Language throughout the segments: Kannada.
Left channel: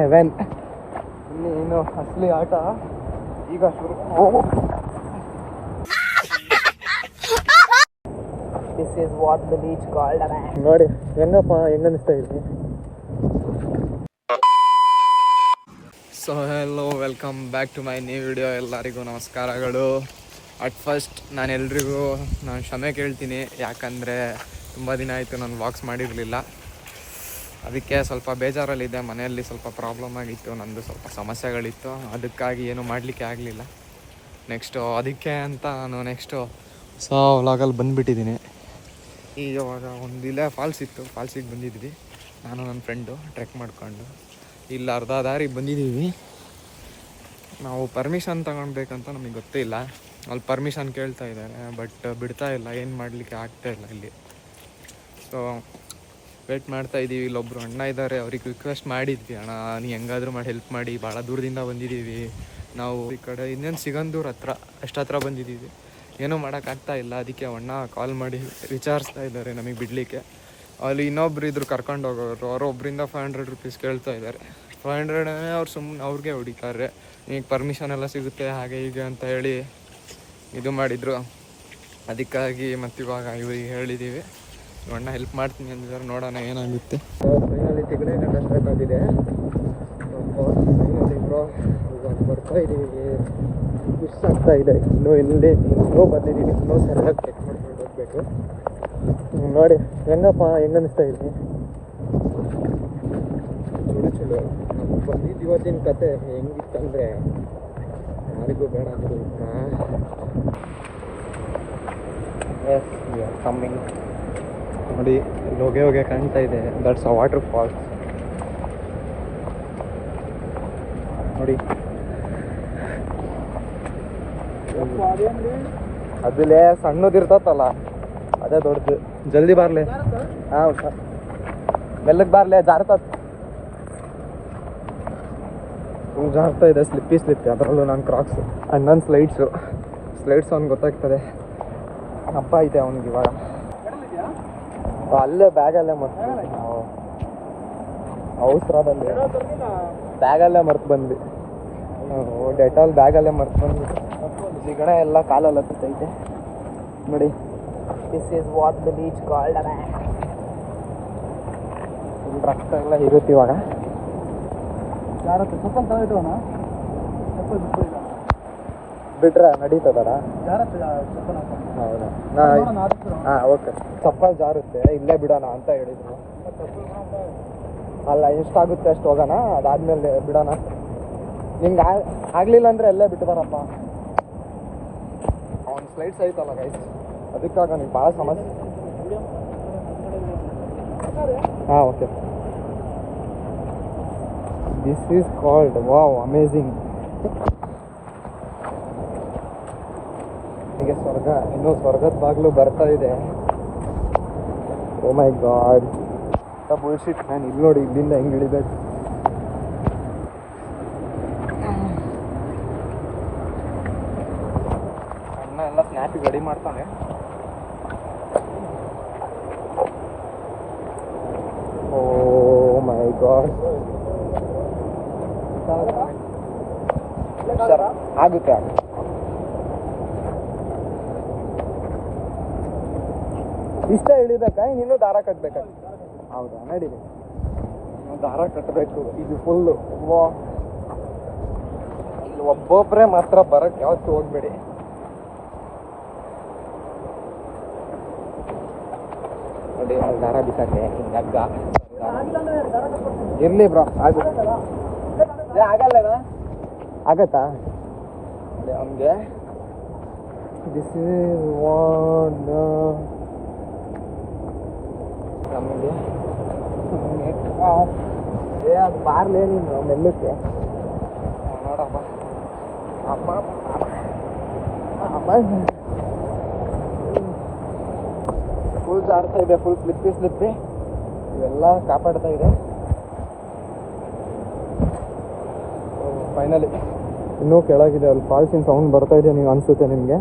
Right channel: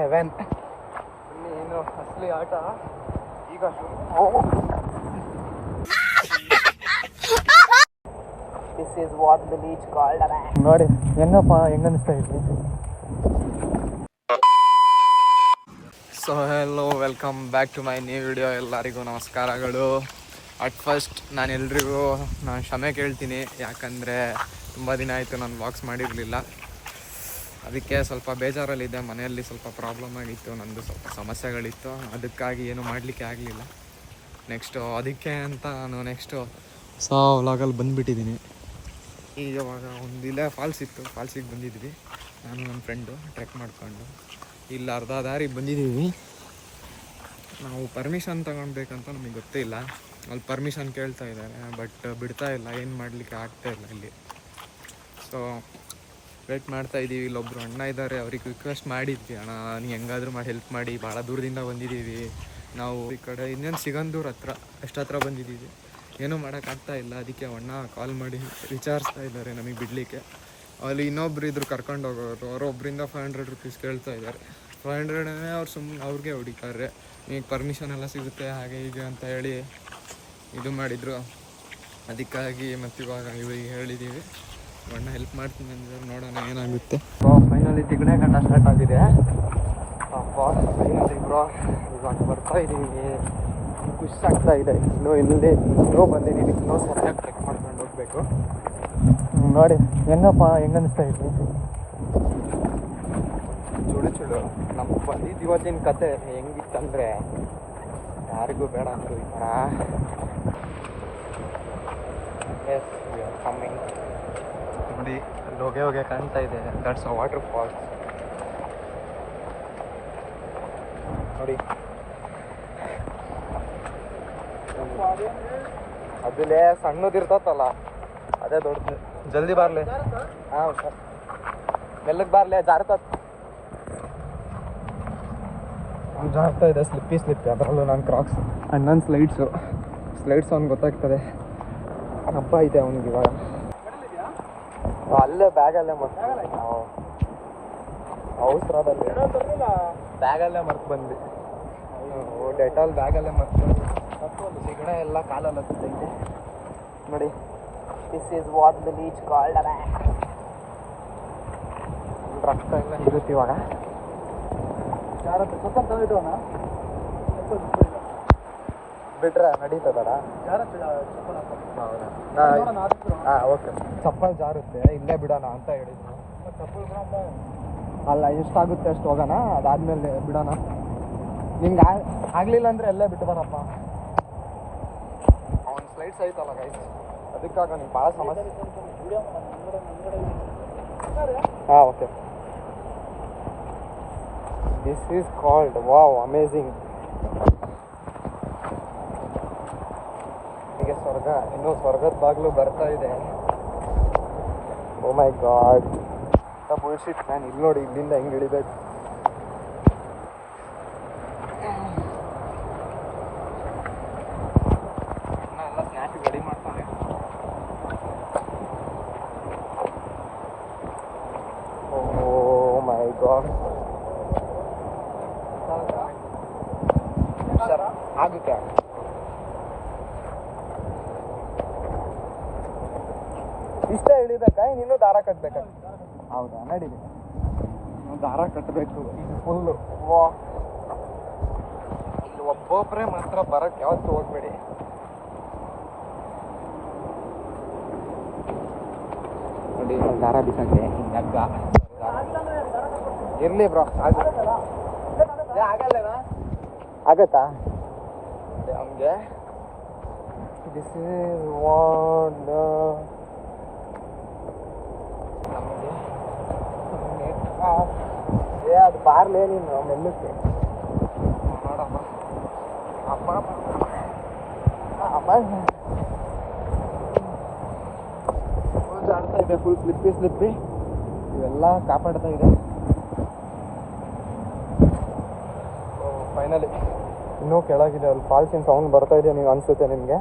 7 ಇಲ್ಲಿ ಏನು ಅಸಲಿ ಆಟ ಈಗ this is what the beach called. ನೋಡಿ ಹೆಂಗಪ್ಪ ಹೆಂಗನ್ನಿಸ್ತಾ ಇದೆ. So hello, welcome back to my new video. ಎಲ್ಲರಿಗೂ ನಮಸ್ಕಾರಗಳು. ಅಟ್ ಫಸ್ಟ್ ನಾನು ಕ್ಷಮೆ ಕೇಳ್ತೀನಿ, ಯಾಕಂದರೆ ತುಂಬ ದಿನ ಆಯಿತು ನಾನು ವ್ಲಾಗ್ಸ್ ಮಾಡಿರಲಿಲ್ಲ. ಅದಕ್ಕೆ ಸ್ವಲ್ಪ ಬೇಜಾರಲ್ಲಿದ್ದೆ. ಮನೆಯಲ್ಲಿ ಸ್ವಲ್ಪ ಪ್ರಾಬ್ಲಮ್ ಆಗಿತ್ತು, ನಂದು ಸ್ವಲ್ಪ ಸಮಸ್ಯೆಗಳಿತ್ತು, ಅದಕ್ಕಾಗಿ ಏನೂ ಮಾಡಲಿಕ್ಕೆ ಆಗಲಿಲ್ಲ. ಅದಕ್ಕೆ ಅಂತ ನಾನು ಹೊಸ ವ್ಲಾಗಲ್ಲಿ ಬಂದುಬಿಟ್ಟಿದ್ದೀನಿ. ಈಗ ಇವಾಗ ಒಂದಿಲ್ಲ ಫಾಲ್ಸ್ ಇತ್ತು, ಫಾಲ್ಸಿಗೆ ಬಂದಿದ್ವಿ ನಾನು ನನ್ನ ಫ್ರೆಂಡು ಟ್ರೆಕ್ ಮಾಡಿಕೊಂಡು. ಇಲ್ಲಿ ಅರ್ಧ ದಾರಿಗೆ ಬಂದಿದ್ದೀವಿ. ನಾವು ಪರ್ಮಿಷನ್ ತಗೊಳ್ಬೇಕಂತ ನಮಗೆ ಗೊತ್ತೇ ಇಲ್ಲ. ಅಲ್ಲಿ ಪರ್ಮಿಷನ್ ಕೇಳ್ತಾ ಇದ್ದಾರೆ, ಬಟ್ ಬಿಡ್ತಾ ಇಲ್ಲ, ಏನು ಮಾಡಲಿಕ್ಕೆ ಆಗ್ತಾಯಿಲ್ಲ ಇಲ್ಲಿ. ಸೊ ವೇಟ್ ಮಾಡ್ತಾಯಿದ್ದೀವಿ. ಇಲ್ಲೊಬ್ಬರು ಅಣ್ಣ ಇದ್ದಾರೆ, ಅವ್ರಿಗೆ ರಿಕ್ವೆಸ್ಟ್ ಮಾಡಿದ್ವಿ, ಅಣ್ಣ ನೀವು ಹೆಂಗಾದರೂ ಮಾಡಿ ಹೆಲ್ಪ್ ಮಾಡಿ, ಭಾಳ ದೂರದಿಂದ ಬಂದಿದ್ದೀವಿ ನಾವು. ಈ ಕಡೆ ಇನ್ನೇನು ಸಿಗಂದೂರು ಹತ್ರ, ಎಷ್ಟು ಹತ್ರ ಬಂದಿದ್ದೀವಿ, ಏನೂ ಮಾಡೋಕ್ಕಾಗ್ತಾ ಇಲ್ಲ. ಅದಕ್ಕೆ ಅಣ್ಣ ಕಾಲ್ ಮಾಡಿ ವಿಚಾರಿಸ್ತಾ ಇದ್ದಾರೆ ನಮಗೆ ಬಿಡಲಿಕ್ಕೆ. ಅಲ್ಲಿ ಇನ್ನೊಬ್ರು ಇದ್ರು ಕರ್ಕೊಂಡು ಹೋಗೋರು, ಅವರು ಒಬ್ಬರಿಂದ 500 ರೂಪೀಸ್ ಕೇಳ್ತಾ ಇದ್ದಾರೆ. 500 ಅವ್ರು ಸುಮ್ಮನೆ ಅವ್ರಿಗೆ ಹೊಡಿತಾರೆ, ಈಗ ಪರ್ಮಿಷನ್ ಎಲ್ಲ ಸಿಗುತ್ತೆ ಹಾಗೆ ಹೀಗೆ ಅಂತ ಹೇಳಿ ಇದು ಮಾಡಿದರು. ಅದಕ್ಕಾಗಿ ಮತ್ತಿವಾಗ ಇವ್ರಿಗೆ ಹೇಳಿದ್ದೀವಿ, ಅಣ್ಣ ಹೆಲ್ಪ್ ಮಾಡ್ತೀನಿ ಅಂದಿದ್ದಾರೆ, ನೋಡೋಣ ಏನಾಗುತ್ತೆ. ಫೈನಲಿ ತಿಗಣೆ ಗಂಟ ಸ್ಟಾರ್ಟ್ ಆಗಿದೆ. ಅಪ್ಪ ಫೈನಲಿ ಬ್ರೋ ಇವಾಗ ಬರ್ತಾ ಇದ್ದೀವಿ, ಖುಷಿ ಆಗ್ತಾ ಇದೆ. ಇನ್ನೂ ಬಂದಿದ್ದೀನಿ, ಇನ್ನೂ ಸರಿಯಾಗಿ ಚೆಕ್ ಮಾಡ್ಕೊಂಡು ಹೋಗಬೇಕು. ನೋಡಿ ಹೆಂಗಪ್ಪ ಹೆಂಗನ್ನಿಸ್ತಾ ಇದೆ. ಚುಳು ನಮಗೆ ಬಂದಿದ್ದು ಇವತ್ತಿನ ಕತೆ ಹೆಂಗಿತ್ತಂದರೆ ಯಾರಿಗೂ ಬೇಡ ಅಂದರು ಈ ಥರ. ನೋಡಿ ಹೋಗೆ ಕಾಣ್ತಾ ಇದೆ, ದಟ್ಸ್ ಅ ವಾಟರ್ ಫಾಲ್ಸ್. ನೋಡಿ ಅದಲ್ಲೇ ಸಣ್ಣದಿರ್ತತ್ತಲ್ಲ ಅದೇ ದೊಡ್ಡದು. ಜಲ್ದಿ ಬಾರ್ಲೆ, ಹಾಂ ಮೆಲ್ಲಕ್ಕೆ ಬಾರ್ಲೆ, ಜಾರ್ತತ್ ಜಾರ್ತಾ ಇದೆ, ಸ್ಲಿಪ್ಪಿ ಅದರಲ್ಲೂ ನಾನು ಕ್ರಾಕ್ಸ್. ಅಣ್ಣನ ಸ್ಲೈಡ್ಸು ಅವ್ನು ಗೊತ್ತಾಗ್ತದೆ. ಹಬ್ಬ ಐತೆ ಅವನಿಗೆ ಇವಾಗ. ಅಲ್ಲೇ ಬ್ಯಾಗಲ್ಲೇ ಅವಸರದಲ್ಲಿ ಬ್ಯಾಗಲ್ಲೇ ಮರ್ತು ಬಂದ್ವಿ. ಡೆಟಾಲ್ ಬ್ಯಾಗಲ್ಲೇ ಮರ್ತು ಬಂದ್ವಿ. ಜಿಗಣ ಎಲ್ಲ ಕಾಲಲ್ಲಿ ಹತ್ತೈತೆ ನೋಡಿ. This is what the beach called. Full ರೊಕ್ಕ ಎಲ್ಲ ಇರುತ್ತೆ ಇವಾಗ. ಬಿಟ್ರೆ ನಡೀತದಾರ? ಹೌದಾ? ಹಾಂ ಓಕೆ. ಚಪ್ಪಲ್ ಜಾರುತ್ತೆ, ಇಲ್ಲೇ ಬಿಡೋಣ ಅಂತ ಹೇಳಿದ್ದೀನಿ. ಅಲ್ಲ ಎಷ್ಟಾಗುತ್ತೆ ಅಷ್ಟು ಹೋಗೋಣ, ಅದಾದ್ಮೇಲೆ ಬಿಡೋಣ. ನಿಮ್ಗೆ ಆಗಲಿಲ್ಲ ಅಂದರೆ ಅಲ್ಲೇ ಬಿಟ್ಟಿದಾರಪ್ಪ. ಅವ್ನ ಸ್ಲೈಡ್ಸ್ ಐತಲ್ಲ ರೈಸ್, ಅದಕ್ಕಾಗ ನಿಮ್ಗೆ ಭಾಳ ಸಮಸ್ಯೆ. ಹಾಂ okay. This is called wow amazing. ಹೀಗೆ ಸ್ವರ್ಗ, ಇನ್ನೂ ಸ್ವರ್ಗದ ಬಾಗಿಲು ಬರ್ತಾ ಇದೆ. ಓ ಮೈ ಗಾಡ್, ಬುಲ್ಶಿಟ್. ನಾನು ಇಲ್ಲಿ ನೋಡಿ, ಇಲ್ಲಿಂದ ಹೆಂಗೆ ಇಳಿಬೇಕು. ಅಣ್ಣ ಎಲ್ಲ ಸ್ನ್ಯಾಪಿಗೆ ರೆಡಿ ಮಾಡ್ತಾನೆ. ಓ ಮೈ ಗಾಡ್, ಆಗುತ್ತಾ? ಇಷ್ಟೇ ಇಳಿಬೇಕಾ, ಇನ್ನೂ ದಾರ ಕಟ್ಟಬೇಕಾ? ಹೌದಾ, ನಡೀಲಿ ದಾರ ಕಟ್ಟಬೇಕು. ಇದು ಫುಲ್ಲು ಒಬ್ಬೊಬ್ಬರೇ ಮಾತ್ರ ಬರಕ್ಕೆ ಯಾವತ್ತೂ ಹೋಗ್ಬೇಡಿ. ನೋಡಿ ದಾರ ಬಿಸಾಕಿ ಹಗ್ಗ ಇರಲಿ ಬ್ರೋ. ಆಗಲ್ಲ, ಆಗತ್ತಾ ಹಂಗೆ? ದಿಸ್ ಇಸ್ ವಾಟ್ ಅದು ಬಾರ್ಲೇ ನೀನು ಮೆಲ್ಲಕ್ಕೆ. ಫುಲ್ ಜಾಡ್ತಾ ಇದೆ, ಫುಲ್ ಸ್ಲಿಪ್ಪಿ ಇವೆಲ್ಲ ಕಾಪಾಡ್ತಾ ಇದೆ. ಫೈನಲಿ ಇನ್ನೂ ಕೆಳಗಿದೆ, ಅಲ್ಲಿ ಫಾಲ್ಸಿನ ಸೌಂಡ್ ಬರ್ತಾ ಇದೆ. ನೀವು ಅನಿಸುತ್ತೆ ನಿಮಗೆ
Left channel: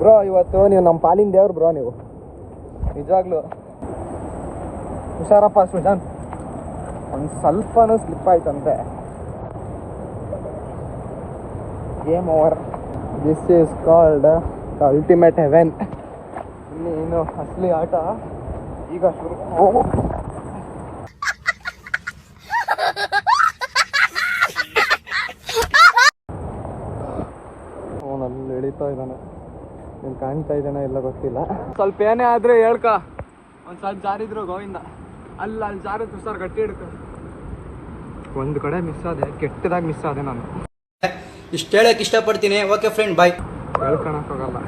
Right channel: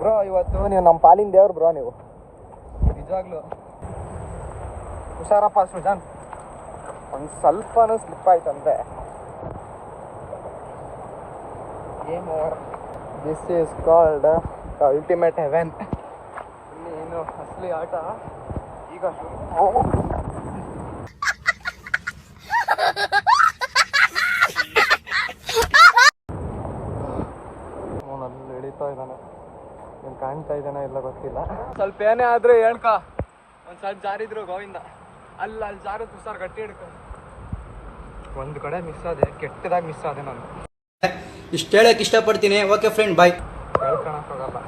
ಬ್ರೋ. ಇವತ್ತು ನೀವು ನಮ್ಮ ಪಾಲಿನ ದೇವ್ರು ಬ್ರೋ, ನೀವು ನಿಜವಾಗ್ಲೂ. ಹುಷಾರಪ್ಪ ಸೃಜನ್, ಒಂದು ಸ್ವಲ್ಪನೂ ಸ್ಲಿಪ್ ಆಯ್ತಂತೆ. Game over. This is called ultimate Heaven. ಇನ್ನು ಅಸಲಿ ಆಟ ಈಗ ಅವನಲ್ಲಿ ಎಳಿತಾ ಇದ್ದಾನೆ. ನೀನು ಕಾಣ್ತಾ ಇದ್ದಾನೆ ಇಲ್ಲ ಗೊತ್ತಿಲ್ಲ. ಸ್ವಲ್ಪ ಏನೇ ಆದ್ರೆ ಹೇಳ್ಕ, ಒಂದು ಸ್ವಲ್ಪ ಜಾರಿದ್ರು ಗೋವಿಂದ. ಅಲ್ಲಿ ಜಾರಿದ್ರು ಸರ್ ಗಟ್ಟಿ ಹಿಡ್ಕ. ಒಂದು ಕಡೆ ಮಿಸ್ ಆದೆ, ಕೆಟ್ಟದಾಗಿ ಮಿಸ್ ಆದೆ ನಾನು. ಇಷ್ಟು ಹೇಳಕ್ ಇಷ್ಟಪಡ್ತೀನಿ. ಓಕೆ ಫ್ರೆಂಡ್, ಬಾಯ್. ಹೇಳ್ಕೊಳಕ್ಕಾಗಲ್ಲ.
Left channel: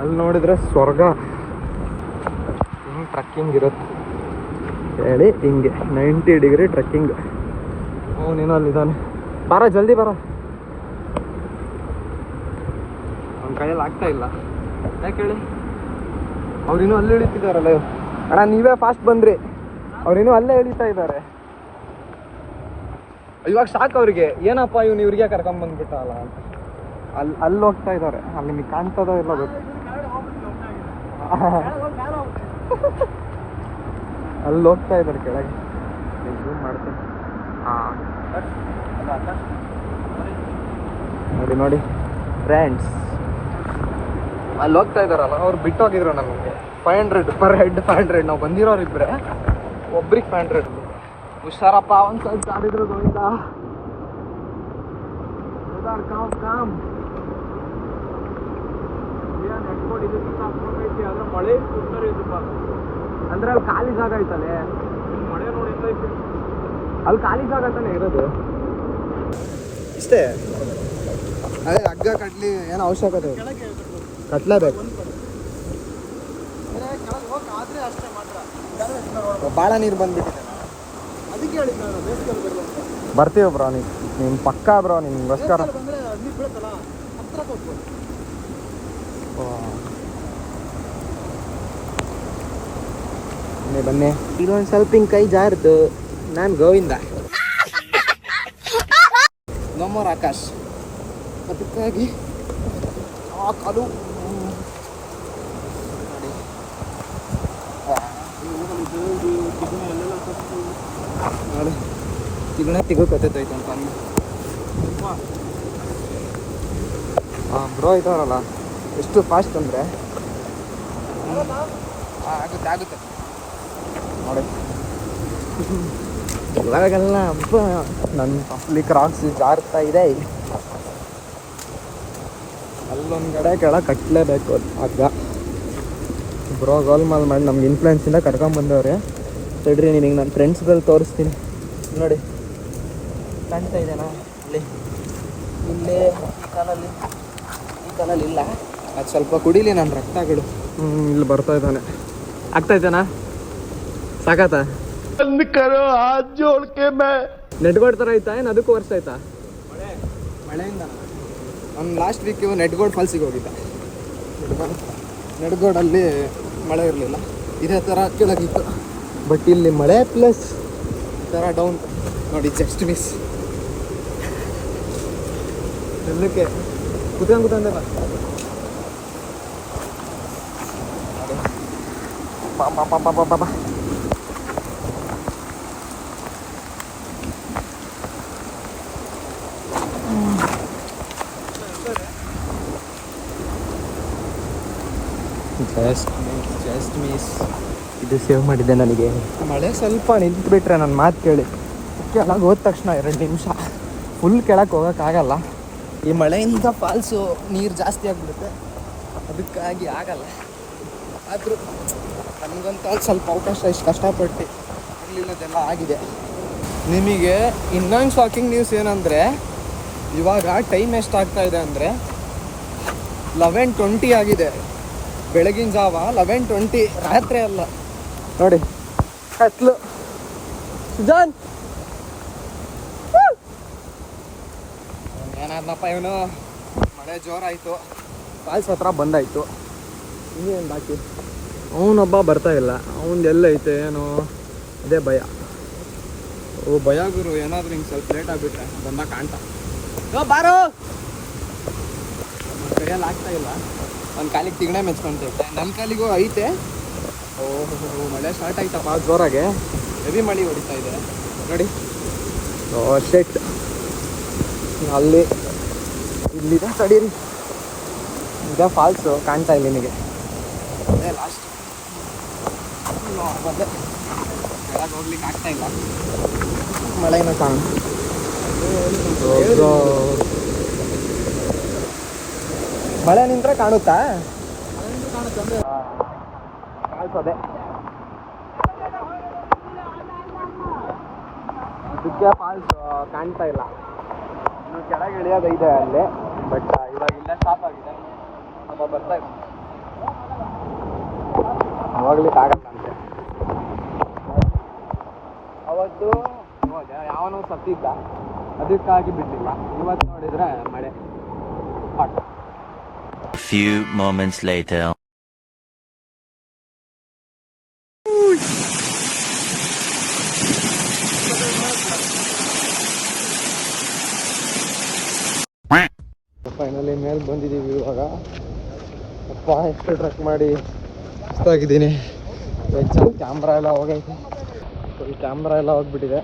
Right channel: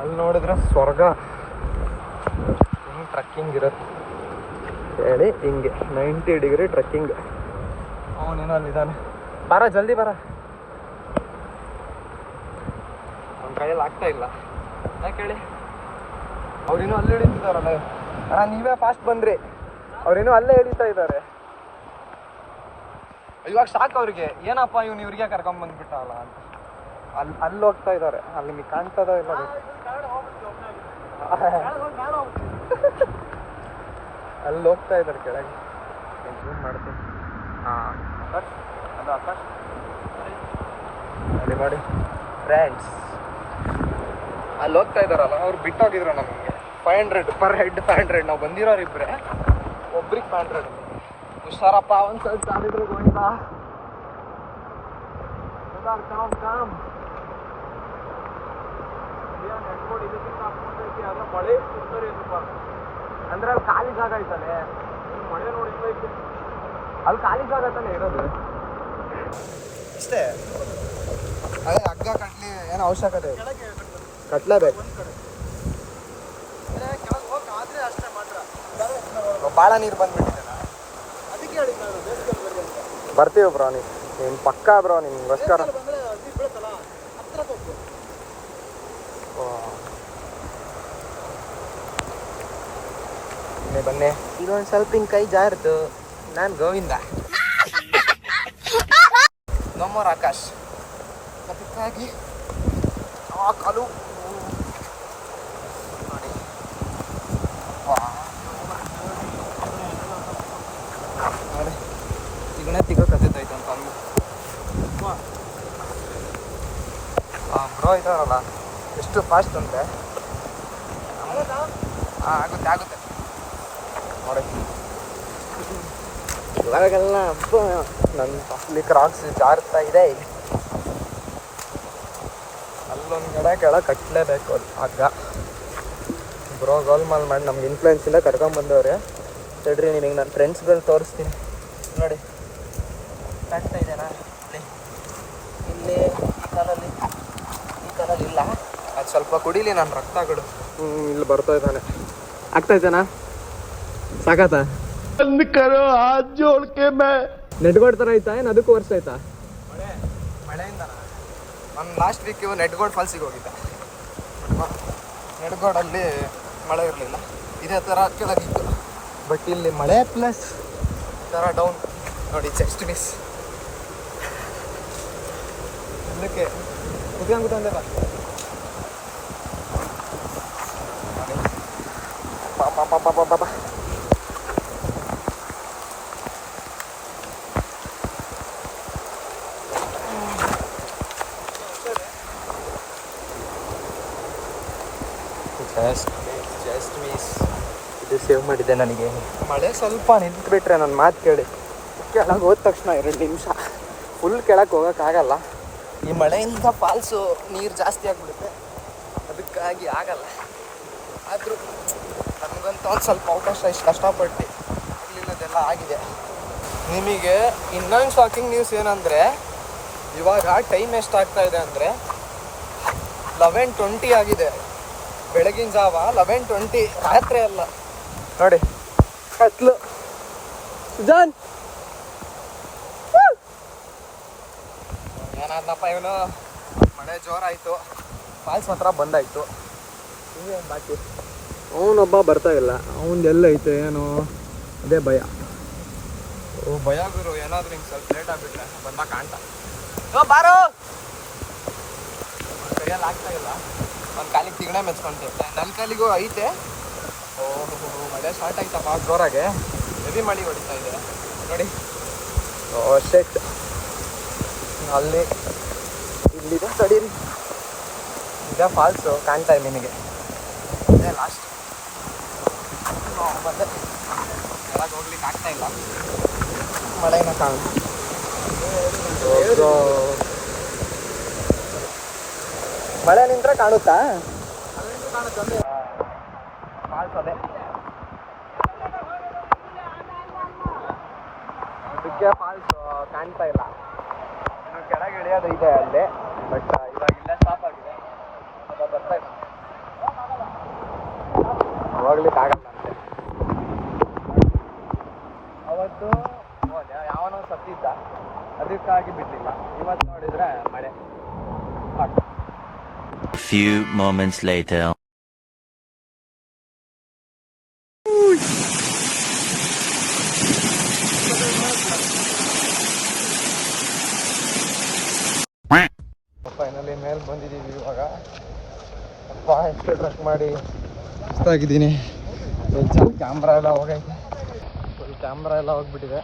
ಅಲ್ಲಿ ನೋಡಿದ್ರೆ ಸ್ವರ್ಗ. ಹಿಂಗೆ ಟ್ರಕ್ಕಿಂಗ್ ಇರುತ್ತೆ ಹೇಳಿ, ಹಿಂಗೆ 90 ಡಿಗ್ರಿ ಟ್ರಕ್ಕಿಂಗ್. ಅವನೇನೋ ಅಲ್ಲಿದ್ದಾನೆ. ಬರ ಜಲ್ದಿ ಬರ. ನನ್ನ ಕೈಯಲ್ಲಿ ಆಗ್ತಾ ಇಲ್ಲ. ಯಾಕೆ ಹೇಳಿ, ಅವ್ರೇನೋ ಅಲ್ಲಿ ಇಳಿತಿದ್ದಾರಲ್ಲ. ಅಣ್ಣ ನೀವೇ ಫಾಸ್ಟ್ ಬಂದ್ರಿ, ಅವ್ರೇನೋ ಅಲ್ಲೇ ಇಳಿತಾ ಇದ್ದಾರೆ. ಇವಾಗ ಸಾಕು ಅವ್ರಿಗೆ, ಏನಪ್ಪ ಇವನು ಇವ್ರಿಗೆ ಕರ್ಕೊಂಬಂದ್ಬಿಟ್ಟಲ್ಲ ಅಂತ. ಅಲ್ಲಿ ಹೋಗ್ತಾ ಇದ್ದಾರೆ. ಅಲ್ಲಿ ನಿಮಗೆ ಕಾಣ್ತದೋ ಇಲ್ಲ ಗೊತ್ತು. ಅಲ್ಲಿ ಹೋಗ್ತಾ ಇದ್ದಾರೆ ಕೆಳಗೆ. ನೋಡಿ ನೋಡಿ ಫ್ರೆಂಡ್ಸ್, ಅಲ್ಲಿ ಹೋಗ್ತಾ ಇದ್ದಾರಲ್ಲ, ಅವ್ರು ಬಿಟ್ಟು ಹೋಗಿದ್ರು ನಮಗೆ 500 ಪರ್ ಹೆಡ್. 500 ನಾವು ಬಂದಿರೋರು ಇಬ್ಬರೇ, ಒಬ್ರಿಗೆ 500. ಹುಷಾರಪ್ಪ, ಒಂದು ಸ್ವಲ್ಪ ಜಾರಿದ್ರು ಗೋವಿಂದ. ಅಂದ್ರೆ ಅಲ್ಲಿ ಖಾಲಿ ಜಾಗ ಐತಲ್ಲಿ, ಅಲ್ಲಿ ಖಾಲಿ ಜಾಗ ತಾನೇ ಇರೋದು. ಇಷ್ಟೇ, ಅದೇ ಹಗ್ಗ ಕಟ್ಲಿ ಏನೋ ಅವಶ್ಯಕತೆ ಕಟ್ಲೇಬೇಕು. ಭಾಳ ನೀರು ಬಂದ್ಬಿಟ್ಟಿದೆ. ಬರ್ತೀವಿ ಬ್ರೋ, ನಿಮ್ಮ ಪಕ್ಕ ಬ್ರೋ, ನಿಮ್ಗೋಸ್ಕರ. ಬನ್ನಿ. ಇನ್ನೊಂದು ಸ್ವಲ್ಪ ಹಿಂಗೆ ಕೈ ಜಾರಿತು. ನಾನು ಗೋವಿಂದ, ನಮ್ಮೂರು ಆಕಾಶ್. ಅದಕ್ಕಾಗಿ ಕಾಲು ನೋಡಿ. ನೋಡಿ ತಿಗಣೆ ಕತ್ತೈತೈತೆ ಅಂತ ಬ್ರೋ ಇದ್ದಾರಲ್ಲ, ಎಷ್ಟು ಫಾಸ್ಟ್ ಅಂದರೆ ಆಗುತ್ತೆ ನೋಡಿ. ಒಳಗೆಲ್ಲ ನನ್ನ ಅಪ್ಲಿ ಕ್ರಾಕ್ಸ್ ಜಾರ್ತಾ ಇದೆ. ಅಲ್ಲೊಂದು ಕೆಳಗೆ ಕಟ್ಟಲೇಬೇಕು ಹಗ್ಗ. ಬ್ರೋ ಗೋಲ್ ಮಾಡಿ ನಮ್ಗೆ ಇನ್ಫ್ಲೂಯೆನ್ಸಿಂದ ಕರ್ಕೊಂಡ್ಬಂದವ್ರೆ. ತಡ್ರಿ, ನಿನಗೆ ನನ್ನ ಫ್ರೆಂಡ್ಸ್ಗಳು ತೋರಿಸ್ತೀನಿ. ನೋಡಿ ಕಾಣ್ತಾ ಇದೆನಾ ಅಲ್ಲಿ, ಇಲ್ಲೇ ಈ ಕಾಲಲ್ಲಿ ಇಲ್ಲ. ಅದು ಸ್ವಲ್ಪ ಕುಡೀಲಿ ನನ್ನ ರಕ್ತಗಳು. ಇಲ್ಲಿ ಬರ್ತಾ ಇದ್ದಾನೆ. ಆಗ್ತಾ ಇದ್ದಾನಾ? ಸಾಕಾತ ನೆಟ್ಗೋಡ್ ಥರ ಐತಾ ಏನು? ಅದಕ್ಕೂ ವರ್ಷ ಆಯ್ತಾ ಮಳೆಯಿಂದ? ಒಂದು ಲಾಸ್ಟ್ ವೀಕ್ ನೆಟ್ಗೋಡ್ ಫಾಲ್ಸಿಗೆ ಹೋಗಿದ್ದೆ. ನೆಟ್ಗೋಡಲ್ಲಿ ಮಳೆ ಇರಲಿಲ್ಲ, ಇದೇ ಥರ ಕೆಳಗಿತ್ತು. ಬಟ್ ಇಲ್ಲಿ ಮಳೆ ಪ್ಲಸ್ ಈ ಥರ ಡೌನ್ ನೋಡಿ. Just miss. ಎಲ್ಲಕ್ಕೆ ಕುತ್ಕೊಂಡ್ಬ ಜಸ್ಟ್ ಮಿಸ್. ಇದು ಸೇವ್ ಮಾಡಿದೆ ನನಗೆ. ಮಳೆ ಸ್ವಲ್ಪ ನಿಂತ್ಬಿಟ್ರೆ ನನ್ನ ಮಾತು ಕೇಳಿ ಕೆಳಗೆ ಹೋದ ತಕ್ಷಣ 2 ನಿಮಿಷ ಫುಲ್ ಕೆಳಗೆ ಹೋಗೋಕ್ಕಾಗಲ್ಲ. ಈ ಮಳೆಯಿಂದ ಫಾಲ್ಸು ನೀರು ಜಾಸ್ತಿ ಆಗಿಬಿಡುತ್ತೆ, ಅದಕ್ಕಾಗಿ ಆಗಲ್ಲ. ಆದರೂ ನಮಗಂತ ಒಂದು ಸ್ವಲ್ಪ ಅವಕಾಶ ಇಷ್ಟು ಕಷ್ಟಪಟ್ಟು ಇಲ್ಲಿರೋದೆಲ್ಲ ಆಗಿದೆ. ನಿಮಗೆ ಇನ್ನೊಂದು ಶಾಕಿಂಗ್ ನ್ಯೂಸ್ ಏನಂದರೆ, ಇವಾಗ ಟೈಮ್ ಎಷ್ಟಾಗ್ತಾ ಇದೆ ಅಂದರೆ 11:20 ಆಗಿದೆ. ಬೆಳಗಿನ ಜಾವ 11:20, ರಾತ್ರಿ ಅಲ್ಲ ನೋಡಿ. ಕತ್ಲು ಏನಾದ್ನಪ್ಪ ಇವನು. ಮಳೆ ಜೋರಾಯಿತು, ಫಾಲ್ಸ್ ಹತ್ರ ಬಂದಾಯಿತು. ಇನ್ನೂ ಒಂದು ಬಾಕಿ ಅವನೊಬ್ಬ ಬರ್ತಾ ಇಲ್ಲ. ಎಲ್ಲ ಐತೆ ಏನು, ಅದೇ ಭಯ. ಭಯ ಗುರು, ಏನಾದರೂ ಹಿಂಗೆ ಸ್ವಲ್ಪ ಲೇಟ್ ಆಗಿಬಿಟ್ರೆ ಬಂದ ಕಾಣ್ತಾ ಬಾರೋ. ಕೈಯಲ್ಲಿ ಆಗ್ತಾ ಇಲ್ಲ. ಒಂದು ಕಾಲಿಗೆ ತಿಗಣೆ ಮೆಚ್ಕೊಂತೈತೆ, ನನ್ನ ಕಾಲಿಗೂ ಐತೆ. ಮಳೆ ಸ್ಟಾರ್ಟ್ ಆಯ್ತಪ್ಪ ಜೋರಾಗೆ, ಹೆವಿ ಮಳೆ ಹೊಡಿತಾ ಇದೆ ನೋಡಿ. ಶೆಟ್ ಅಲ್ಲಿ ಇಲ್ಲಿ ತಡೀರಿ, ಇದೇ ಫಾಲ್ಸು ಕಾಣ್ತಾ ಇಲ್ಲ ನಿಮಗೆ, ಅದೇ ಲಾಸ್ಟ್. ಕೆಳಗೆ ಹೋಗ್ಲಿಕ್ಕೆ ಆಗ್ತಾ ಇಲ್ಲ, ಮಳೆನೂ ಕಾಣ. ಮಳೆ ನಿಂತ್ರೆ ಕಾಣುತ್ತಾ ಫಾಲ್ಸ್ ಅದೇ. ಇದಕ್ಕೆ ಫಾಲ್ಸ್ ಕಾಣ್ತಾ ಇಲ್ಲ, ಇನ್ನು ಕೆಳಗೆ ಇಳಿಯೋದು ಇದೆ ಅಲ್ಲಿ, ಬಟ್ ಇವಾಗ ಇಲ್ಲೇ ಸ್ಟಾಪ್ ಆಗಿದೆ. ಸ್ವಲ್ಪ ಬರ್ತಾ ಇಲ್ಲ, ಹೋಗ್ಲಿಕ್ಕೆ ಆಗಲ್ಲ. ಅವತ್ತು ಯಾವನೋ ಸತ್ತಿದ್ದ, ಅದಕ್ಕಾಗಿ ಬಿಡಲಿಲ್ಲ. ಇವತ್ತು ನೋಡಿದ್ರೆ ಮಳೆ. Few moments later. ಫೈನಲಿ ಮೇಲೆ ಬಂದಿದ್ದೀವಿ ಇವಾಗ. ಅಪ್ಪ ಎಷ್ಟು ಟ್ರಕ್ ಮಾಡಿ ಸುಸ್ತಾಗಿದ್ದೀನಿ. ಕ್ಯಾಮ್ರಾ ಎಲ್ಲ ಹೋಗೈತೆ, ಕ್ಯಾಮ್ರಾ ಎಲ್ಲ ಹೋಗ್ಬಿಟ್ಟಿದೆ.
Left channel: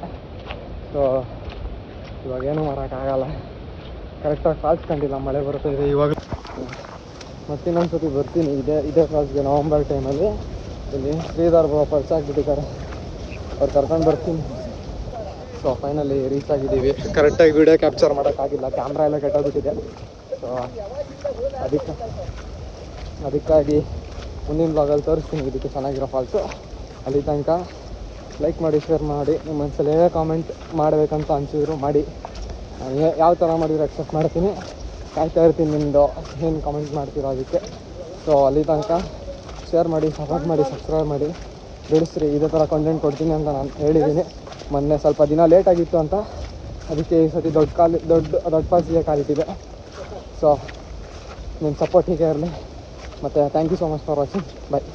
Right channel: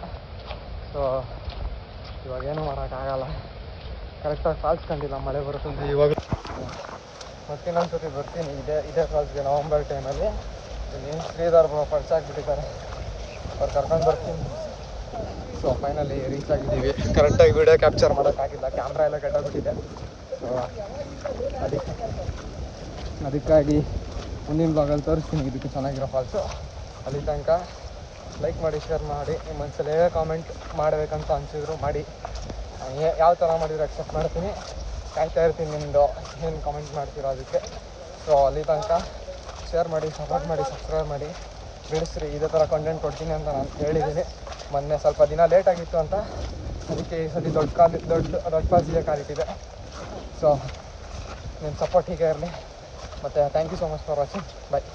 ಸೊ ಇವಾಗೇನು ಮಾಡೋಕ್ಕಾಗಲ್ಲ. ಕರೆಕ್ಟಾಗಿ ಫಾಲ್ಸ್ ಕಂಡಿಲ್ಲ, ಮಳೆ ಬರ್ತಾ ಇದೆ ಇವಾಗ. ಮತ್ತಿನ್ನೊಂದ್ಸತಿ ಬರ್ತೀನಿ ಇದೇ ಫಾಲ್ಸ್ಗೆ ನವಂಬರ್ ಟೈಮಲ್ಲಿ. ಇಲ್ಲಿ ಶ್ರೀಧರ್ ಪರಿಚಯ ಆಗಿಬಿಟ್ಟಿದ್ದಾರೆ, ಅವ್ರು ಕರ್ಕೊಂಡು ಬರ್ತೀನಿ. ಸೊ ಫೈನಲಿ ರೀಚ್ ಆಗಿದ್ದೀವಿ. ಕರೆಕ್ಟಾಗಿ ವಿಡಿಯೋ ಕ್ಯಾಪ್ಚರ್ ಮಾಡೋಕ್ಕಾಗಿಲ್ಲ, ಕ್ಯಾಮ್ರಾ ಎಲ್ಲ ಕೆಟ್ಟೋಗ್ಬಿಟ್ಟಿದೆ. ಸೊ ಅದಕ್ಕಾಗಿ ಮುಂದಿನ ಬ್ಲಾಗಲ್ಲಿ ತೋರಿಸ್ತೀನಿ ಇದಕ್ಕೆ ಚೆನ್ನಾಗಿರೋ ಫಾಲ್ಸು. ಅಲ್ಲಿ ತನಕ ಲೈಕ್ ಮಾಡಿ, ಶೇರ್ ಮಾಡಿ, ನಿಮ್ಮ ಮನಸ್ಸಲ್ಲಿ ಏನೇ ಕಾಮೆಂಟ್ ಮಾಡಬೇಕಂತ ಅನಿಸಿದ್ರು ಮಾಡಿ. ಯಾವ ಥರ ಮಾಡಿದ್ರು ಅಕ್ಸೆಪ್ಟ್ ಮಾಡ್ತೀನಿ. ಕಾಯ್ತಾ ಇರ್ತೀನಿ ನಿಮ್ಮದು ಏನು ಕಾಮೆಂಟ್ ಮಾಡ್ತೀರೋ ಅದಕ್ಕೆ. ಸೊ ಅಲ್ಲಿ ತನಕ ಶೇರ್ ಮಾಡಿ, ಸಪೋರ್ಟ್ ಮಾಡಿ, ಸಬ್ಸ್ಕ್ರೈಬ್ ಮಾಡಿ, ಬೆಳೆಸ್ರಿ. ಇದೇ ಥರ ಕಂಟೆಂಟ್ ಕೊಡ್ತೀನಿ ಅಂತ ನಾನು ಹೇಳಿದ್ದೀನಿ. ಮೊನ್ನೆ ಸ್ವಲ್ಪ ದಿನ ಲೇಟ್ ಆಗಿತ್ತು ಅಂತ, ಅದಕ್ಕೆ ಈ ಸತಿ ದೊಡ್ಡ ಫಾಲ್ಸಿಗೆ ಕಾಲಿಟ್ಟಿದೆ. ಸೊ ನಿಮ್ಮ ಸಪೋರ್ಟ್ ಹೀಗೆ ಇರಲಿ. ಮತ್ತು thank you so much for watching. Bye.